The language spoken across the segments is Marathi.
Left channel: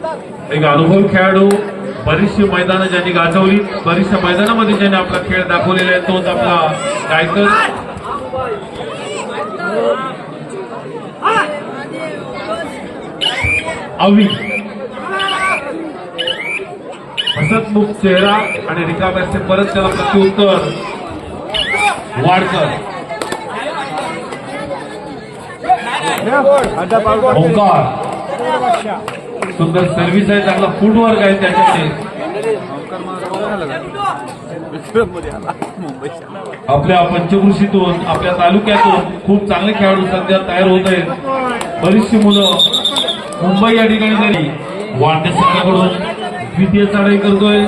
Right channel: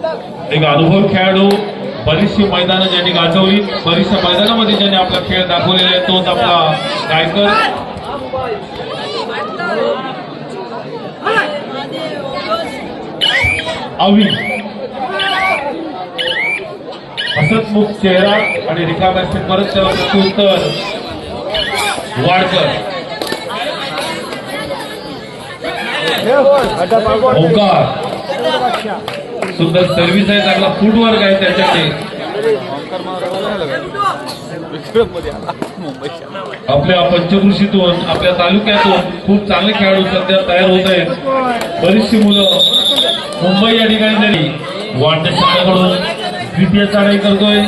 एक अनुभव खेळाडू, बरीचशी मैदानं ज्यांनी गाजवली, बरीचशा मैदानामध्ये ज्यांनी आपला खेळ दाखवलेला आहे, तोच आपला गायकर. अवी हसतमुख चेहरा आणि रिकाम्या असते, परत त्याला प्रत्युत्तर वाडकर. ओंकार सुंदर सर्व्हिस आहे, चांगला फुटवर्क आहे त्याच्याकडे. आपल्या पंचकृषीतून, आपल्या तालुक्यातून खूप चांगले खेळाडू सध्या तयार होत आहेत. बरीचशी मुलं मुंबई या ठिकाणी तरी वाढते संघाकडून द्वितीय चढाई करतोय.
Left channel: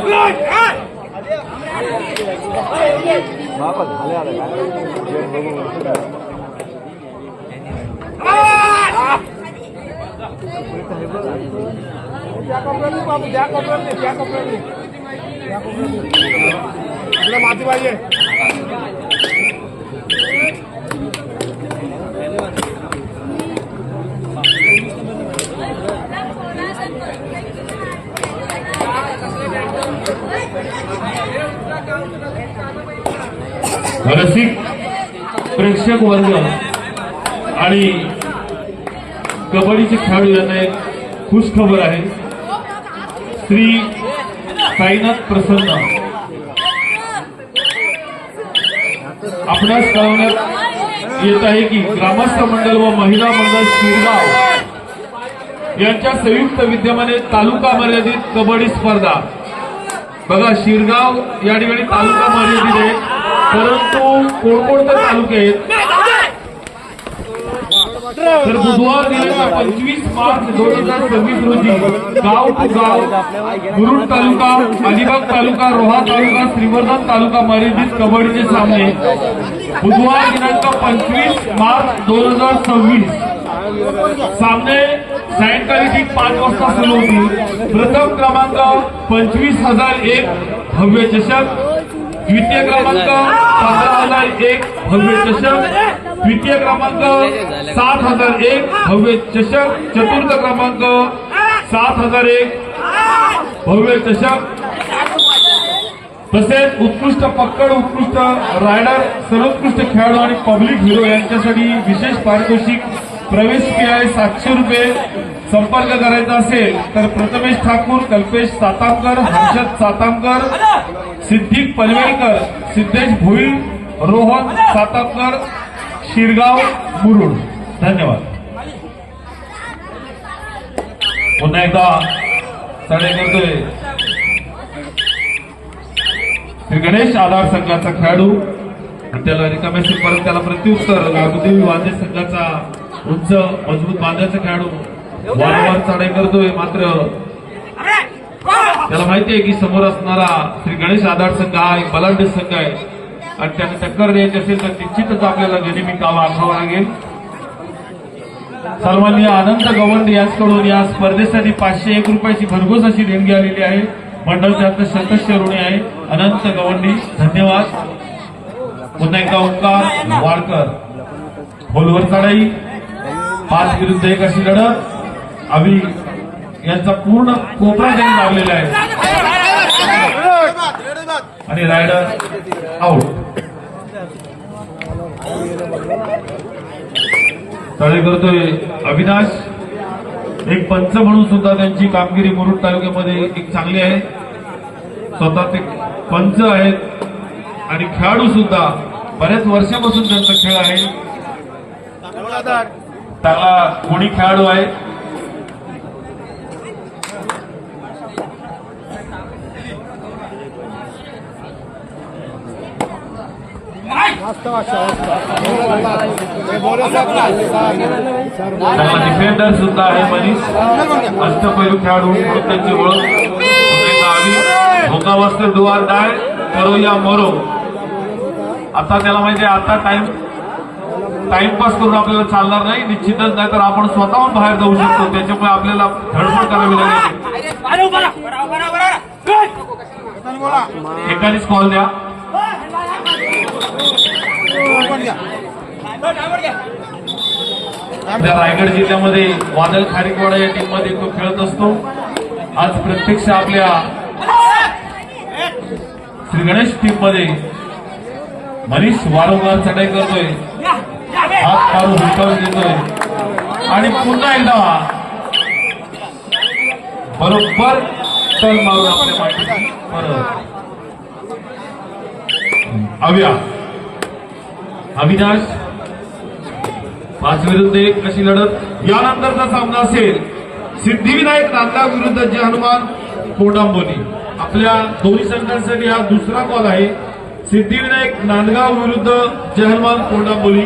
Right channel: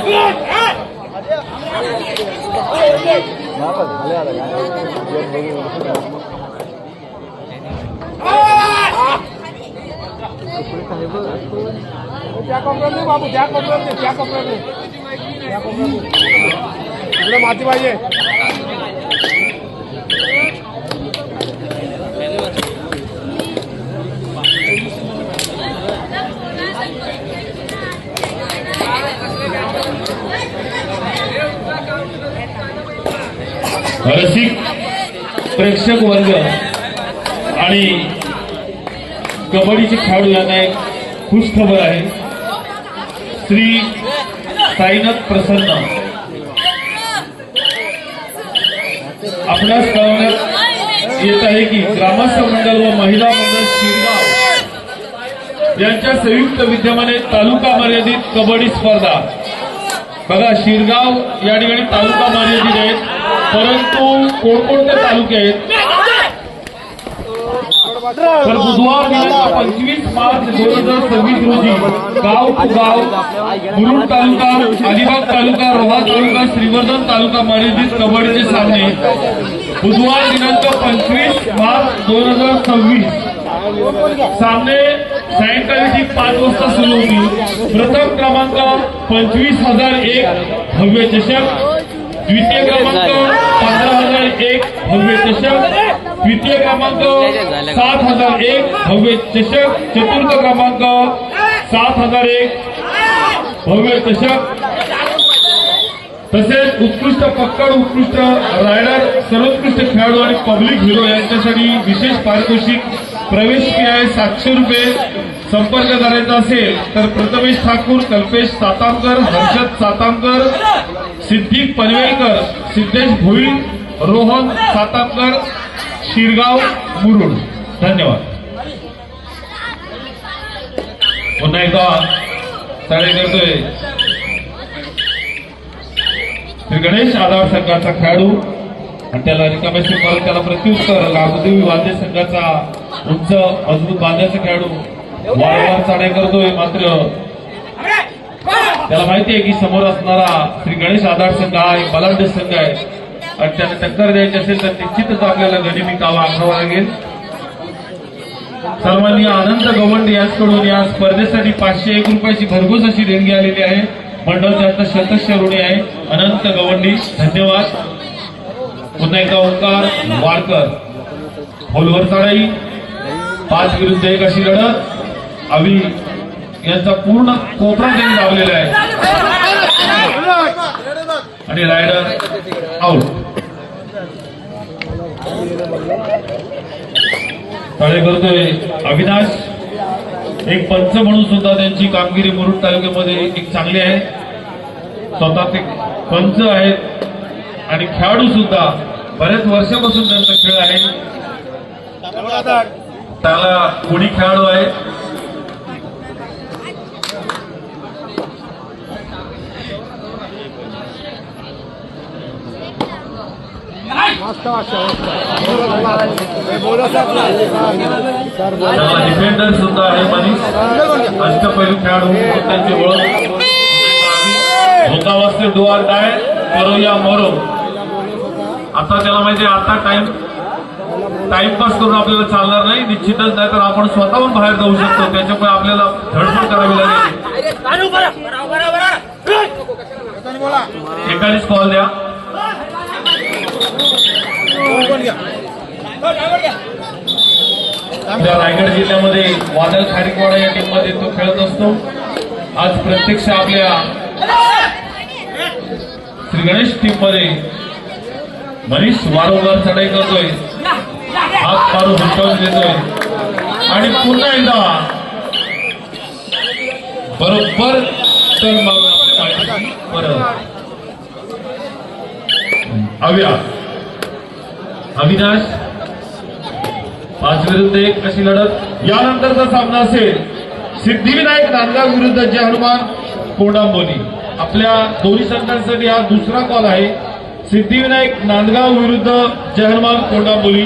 माती पाहिजे. रसिक प्रेक्षक वर्ग आणि कबड्डीचे खेळाडू यांना एक खुश खबर आहे. श्री साईनाथ प्रसन्न आपणास कळवण्यात येत आहे की ग्रामस्थ मंडळ व महिला मंडळ शिरगाव यांच्या संयुक्त विद्यमाने तालुका मर्यादित कबड्डी स्पर्धा. बघा, शिरगाव या ठिकाणी तालुका मर्यादित आहेत, परंतु कोणकोणते तालुके आहेत तर बुधवार दिनांक 25 मार्च 2026 रोजी गाव टू गाव मुरुड तालुका, अलिबाग तालुका, रोहा तालुका, श्रीवर्धन तालुका मर्यादित कबड्डीचे सामने बुधवार दिनांक 25 मार्च 2026 सामने सायंकाळी ठीक 5 वाजता सुरू होतील. प्रथम क्रमांक 25,001 भव्य चषक, द्वितीय क्रमांक 15,001 भव्य चषक, द्वितीय क्रमांक 7,001 भव्य चषक, चतुर्थ क्रमांक 7,001 भव्य चषक. तसेच उत्कृष्ट पक्कड, उत्कृष्ट रायडर, सर्वोत्कृष्ट खेळाडू आणि पब्लिक हिरो यांच्यासाठी विशेष पारितोषिक. प्रवेश फी आहे 700 रुपये. संपर्क करायचा असेल तर प्रथमेश ठाकूर, कल्पेश सातामकर, हर्षद सातामकर, सिद्धिक पनवेलकर, सिद्धेश भोई, रोहन सातामकर, शिरगाव मुरुड. धन्यवाद. पुन्हा एकदा चढाई करतोय श्री गणेश आधार संघाचा खेळाडू आणि त्याला रिकाम्या परत त्याला प्रत्युत्तर राघुदेवी वाद्य संघाचा उंच मजबूत वाद्याचा खेळाडू वारंवार चढाई करतोय. मात्र त्याला माहिती आहे की समोर असणारा श्री गणेश आधार संघ हा एक बलाढ्य संघ आहे आणि त्याने टक्कर द्यायची असेल तर निश्चितच आपल्याला गनिमी कामा आखावा लागेल. सन्माननीय अनंत गवंडी यांच्याकडून या स्पर्धेसाठी 501 रुपयाची भरघोस अशी देणगी आलेली आहे. मंडळ त्यातनं शतस्य ऋणी आहे. अनंत गवंडी, धन्यवाद. पुन्हा एकदा ओंकार वाडकर होलवर चढाई, 5 विरुद्ध 1 अशी लढत. अवी यांचा पूर्ण कोपरा त्यांनी लावलेला आहे आणि रायडर आउट. तळे करतोय अविनाश. एक पंच म्हणून सुद्धा त्यांची कामगिरी मुरुड तालुक्यामध्ये एक चांगली आहे. स्वतः ते पंच आहेत आणि खेळाडू सुद्धा बऱ्याच वर्षापासून त्यांचा खेळ आहे. चांगला कोणी खेळाडू आहे. डिफेंडर सुद्धा आहे. मनीष अष्टपैलू खेळाडू त्यांची ओळख. भोकावास्ते डुआर डाय करो या मरो. आता त्याला माहिती आहे आता टाइमपास करून आपल्याला चालणार नाही. निश्चितच नाही तर आपण स्वतःहून बाहेर जाऊ शकतो. त्याच्यामुळे आपल्याला धडपड करावी लागेल. एकानेच कॉल द्या. आपल्या रायगड जिल्ह्यामध्ये वादळ खारीकवाडा या टीम मध्ये तो खेळत असतो. आज प्रत्यक्ष आपल्या श्री गणेश टीम मध्ये मनीष वारंवार चढाई करतोय, हात मारून हुलकावून घेतोय आणि पुन्हा एकदा बरोबर तर मारून आपल्या माहिती परत अविनाश 5 विरुद्ध 1 अशी लढत। यानंतरचा सामना असेल सिद्धिविनायक नांदगाव विरुद्ध जय हनुमान कोंडांबोली। आपल्या दोन्ही संघांसाठी हा दुसरा कॉल आहे। सिद्धिविनायक नांदगाव विरुद्ध जय हनुमान कोंडांबोली।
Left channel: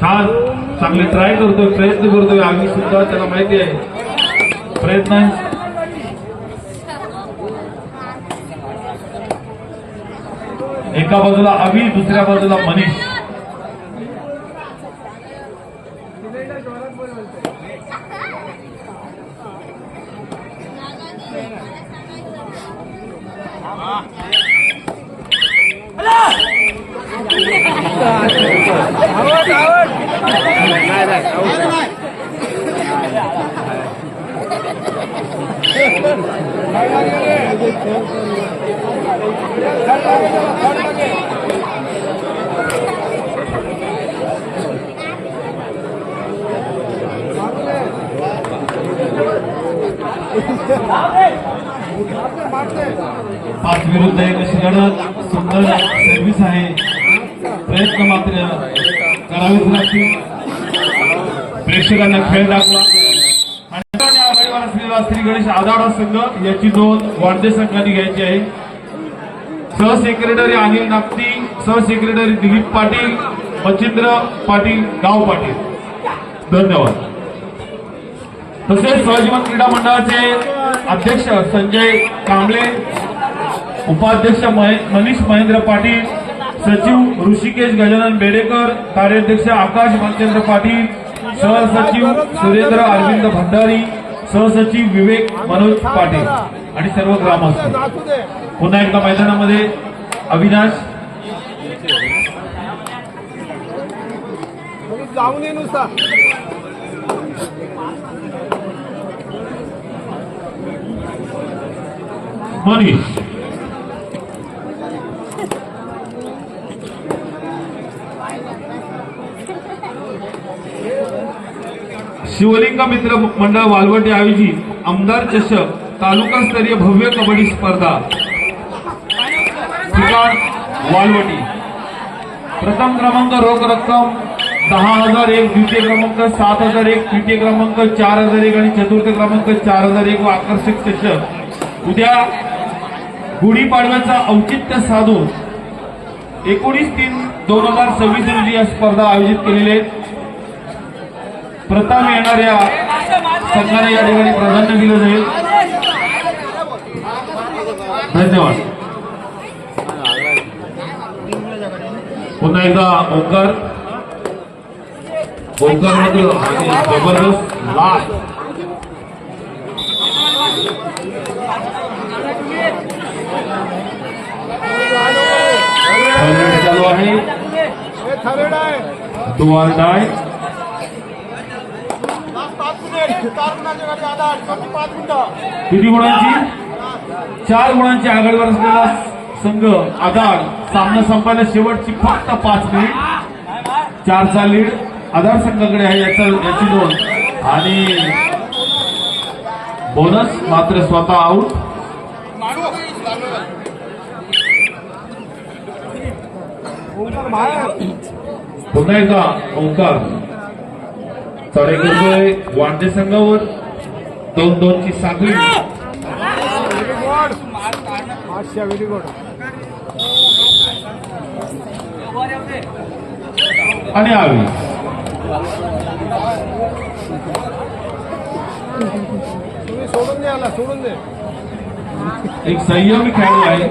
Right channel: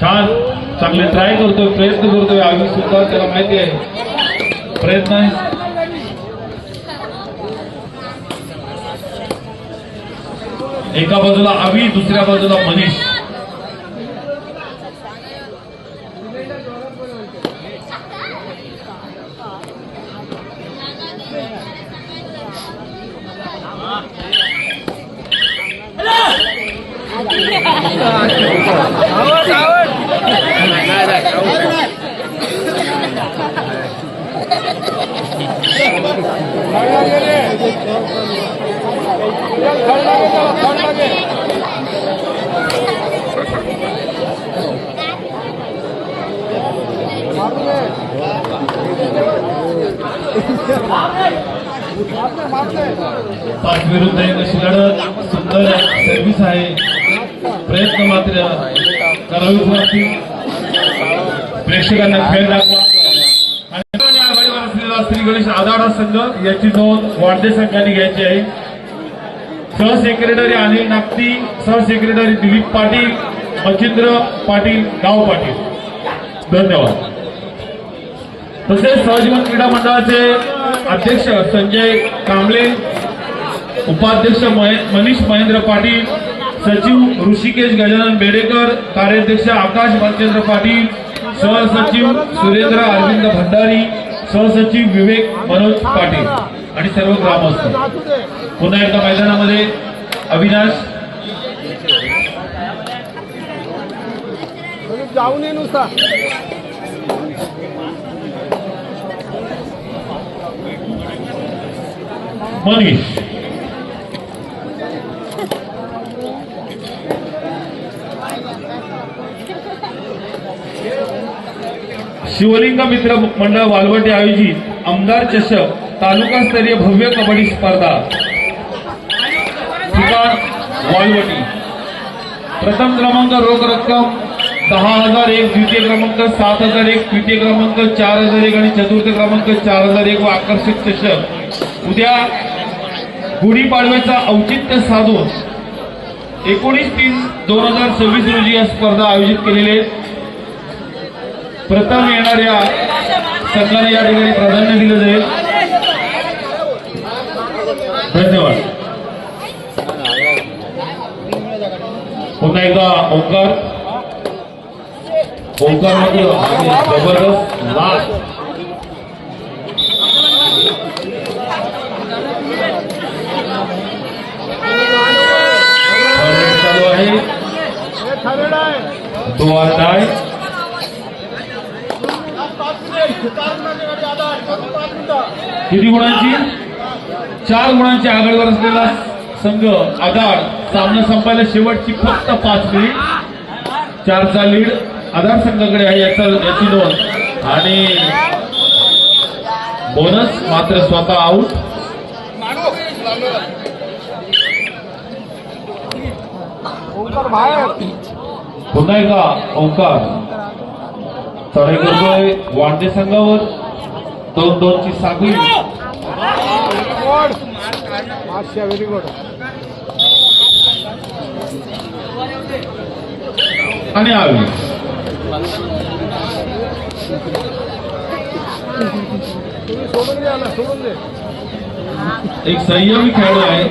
छान, चांगले ट्राय करतोय, प्रयत्न करतोय आम्ही सुद्धा, त्याला माहिती आहे प्रयत्न आहे। एका बाजूला अवी, दुसऱ्या बाजूला मनीष। पाच विरुद्ध 1 अशी लढत। सुंदर सर्व्हिस आहे, प्रयत्न मात्र करावेच लागतील। प्रेक्षकांना खेळ लागला आणि आघाडीवर असलेला श्री गणेश आदाडा संघ याची नोंद वाडदे संघाने घ्यायची आहे। सहसेक्रेटरी अनिल नागती, सहसेक्रेटरी दिलीप पाटील, मच्छिंद्र पाटील, गाव पाटील, धन्यवाद। तसेच सहजीवन क्रीडा मंडळाचे अध्यक्ष संजय कांबळे, उपाध्यक्ष मनीष महेंद्र पाटील, सचिव ऋषिकेश गजानन बेडेकर, कार्याध्यक्ष आकाश भालचंद्र पाटील, सहसचिव सुरेंद्र अरविंद भंडारी, सहसचिव विवेक मनोज पाटील आणि सर्व ग्रामस्थ। पुन्हा एकदा मैदानामध्ये अविनाश जाऊ नये नुसता मनीष शिवलिंग मित्र मंडळ वालवटे आयोजित आमदार चषक तालुकास्तरीय भव्य कबड्डी स्पर्धा। ठिकाण वालवटी। प्रथम क्रमांक रोख रक्कम 10,001, द्वितीय क्रमांक 7,001, तृतीय क्रमांक 4,001 आणि चतुर्थ क्रमांक 4,001 व आकर्षक चषक उद्या गुढीपाडव्याचा औचित्य साधून 19/3/2026 रोजी या स्पर्धा आयोजित केलेले। प्रथम येणाऱ्या संघाने या ठिकाणी प्राधान्य दिलं जाईल। धन्यवाद। पुन्हा एकदा ओंकार मध्ये आणि जबरदस्त लाभ चालू आहे। दुआरदाय किती गुणांची? 4 गुणांची आघाडीवर असलेला संघ आधार सामना संपायला शेवटची फक्त 5 मिनिट। 4चा लीड आधार संघाकडे आहे याची नोंद आणि बोनस मात्र स्वतः आउट। पुन्हा एकदा ओंकार चढाई करतोय वांदे संघावर। 2-2ची साखळी। Very good. आणि आरवी सोडून दे, आला सोडून दे। एक संयमी खेळाडू आहे।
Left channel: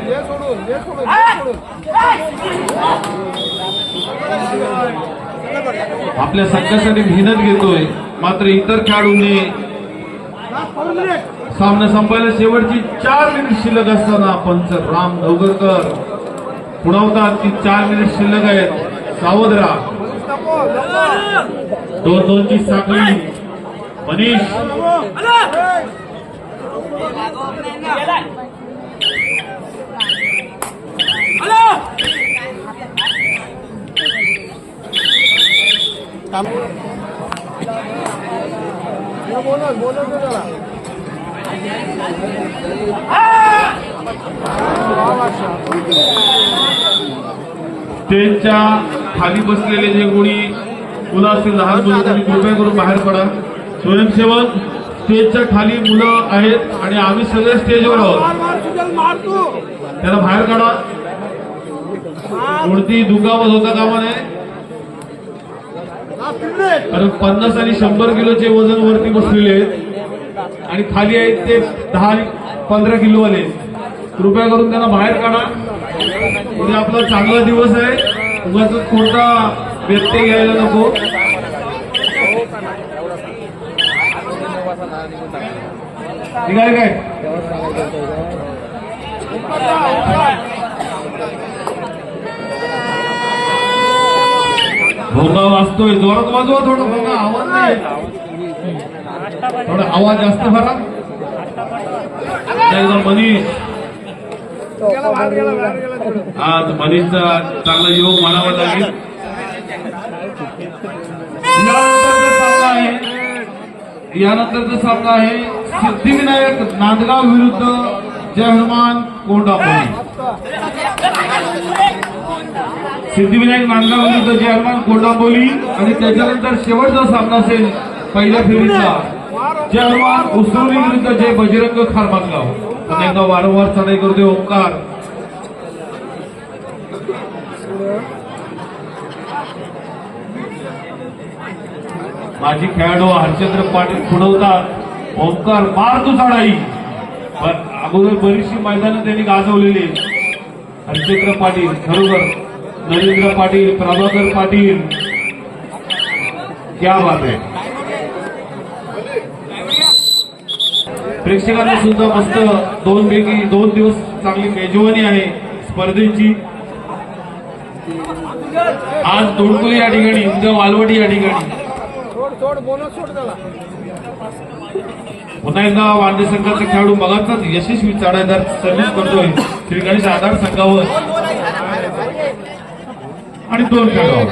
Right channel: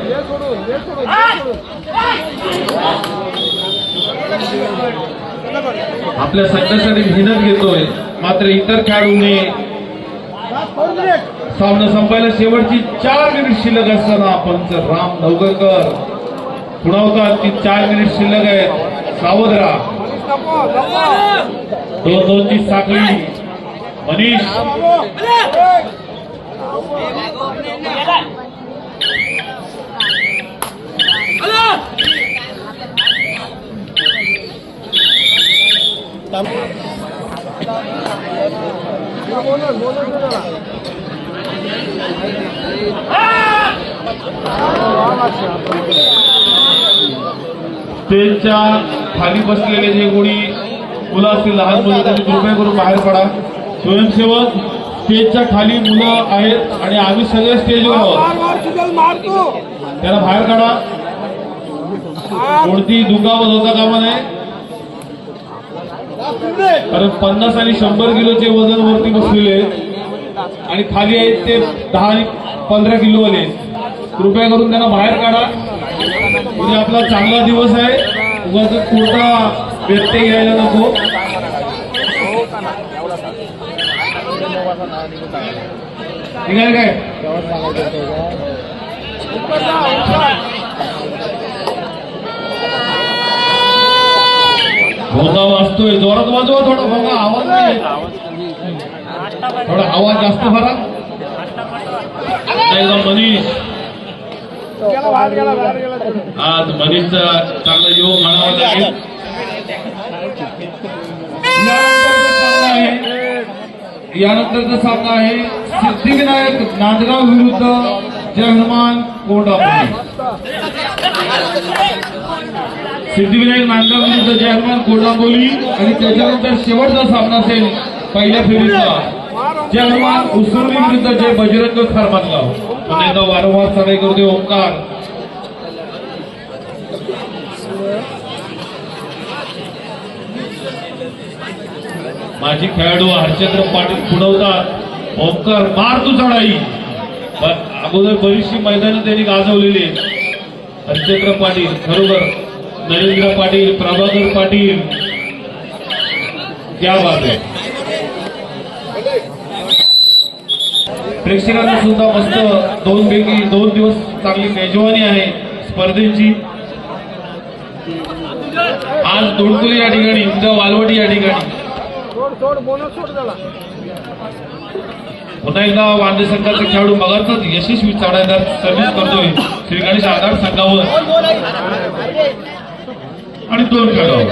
आपल्या संघासाठी मेहनत घेतोय, मात्र इतर खेळाडूंनी सामना संपायला शेवटची 4 मिनिट शिल्लक असताना पंच राम नवगरकर पुढवतात की 4 मिनिट शिल्लक आहेत, सावध राहा। लपो लपो 2-2ची साखळी मनीष बोनस बोनस दे जरा स्टेजच्या खाली बसलेले जे कोणी मुलं असतील लहान मुलं त्यांनी कृपया करून बाहेर पडा. स्वयंसेवक स्टेजच्या खाली मुलं आहेत आणि आम्ही सगळे स्टेजवर आहोत. मार मार तुझ्याला मार तू त्याला बाहेर काढा. कोणती दुखापत होता कामा नये. कारण 50 आणि 100 किलोचे वजन वरती बसलेले आहेत आणि खाली आहेत ते 10 आणि 15 किलोवाले. कृपया करून त्यांना बाहेर काढा. उद्या आपला चांगला दिवस आहे. उगाच कोणता व्यत्यय घ्यायला नको. निघाले काय भोंगा वाजतोय जोरात वाजवा. थोडा भोंगा आवाज नाही. थोडा आवाज जास्त भरा. एकदा मनीष गेला बाहेर गेला आज मनीषचा चांगला योग म्हणावा लागेल. यानंतरचा सामना आहे सिद्धिविनायक नांदगाव विरुद्ध जय हनुमान कोंडापुरी. सिद्धिविनायक नांदगाव विरुद्ध जय हनुमान कोंडापुरी आणि त्याच्यानंतर शेवटचा सामना असेल पहिल्या फेरीचा जय हनुमान उसरुली विरुद्ध जय बजरंग खारमानगाव. पुन्हा एकदा वारंवार चढाई करतोय ओंकार. माजी खेळाडू हरचंद्र पाटील पुढवतात. ओंकार मार तू चढाई. पण अगोदर बरीचशी मैदानं त्यांनी गाजवलेली. हरचंद्र पाटील खरोखर नरेंद्र पाटील प्रभाकर पाटील क्या बात आहे. प्रेक्षकांना सुद्धा मस्त 2 दिवस चांगली मेजवानी आहे स्पर्धेची. आज तोडकुली या ठिकाणी उद्या वालवडी या ठिकाणी. सोड सोड बोनस सोड त्याला पुन्हा एकदा वांदे संघाचे खेळाडू मगाचाच यशस्वी चढाईदार सर्व्हिस करतोय श्री गणेश आधार संघावर आणि 2 खेळाडू.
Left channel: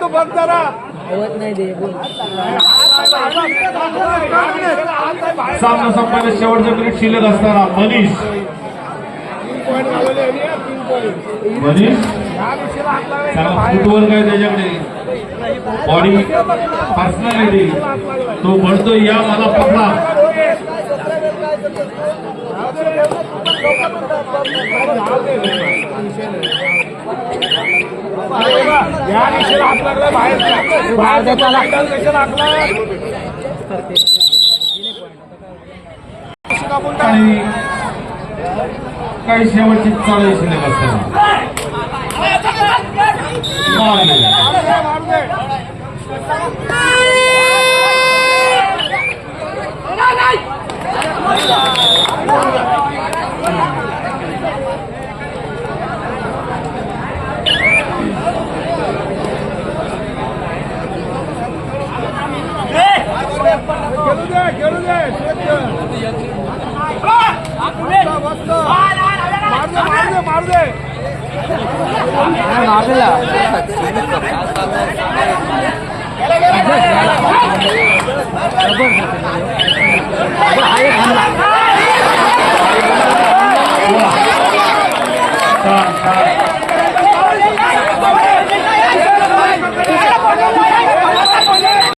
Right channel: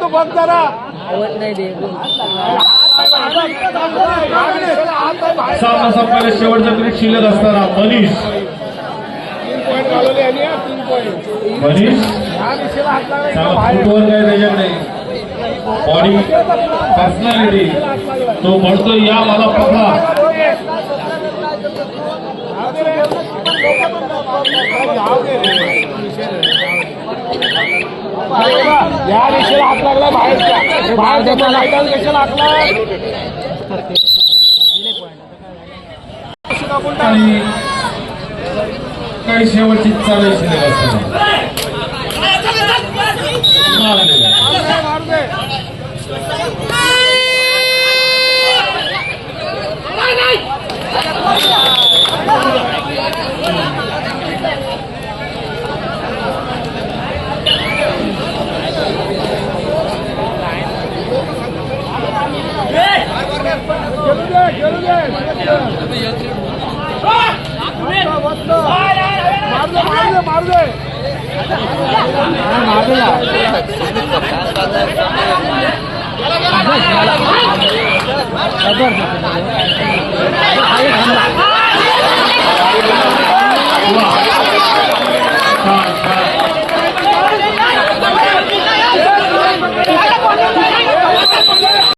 तू बघ जरा सामना संपायला शेवटचा मिनिट शिल्लक असताना मनीष चांगला फुटवर्क आहे त्याच्याकडे. Body personality. तो म्हणतोय या मला पकडा. या दिशेला हात लागला बाहेर बाहेर देतो मैदान कशाला हातला आणि काही शेवटची चालू शिल्लक असताना मार गेला. मार दे छान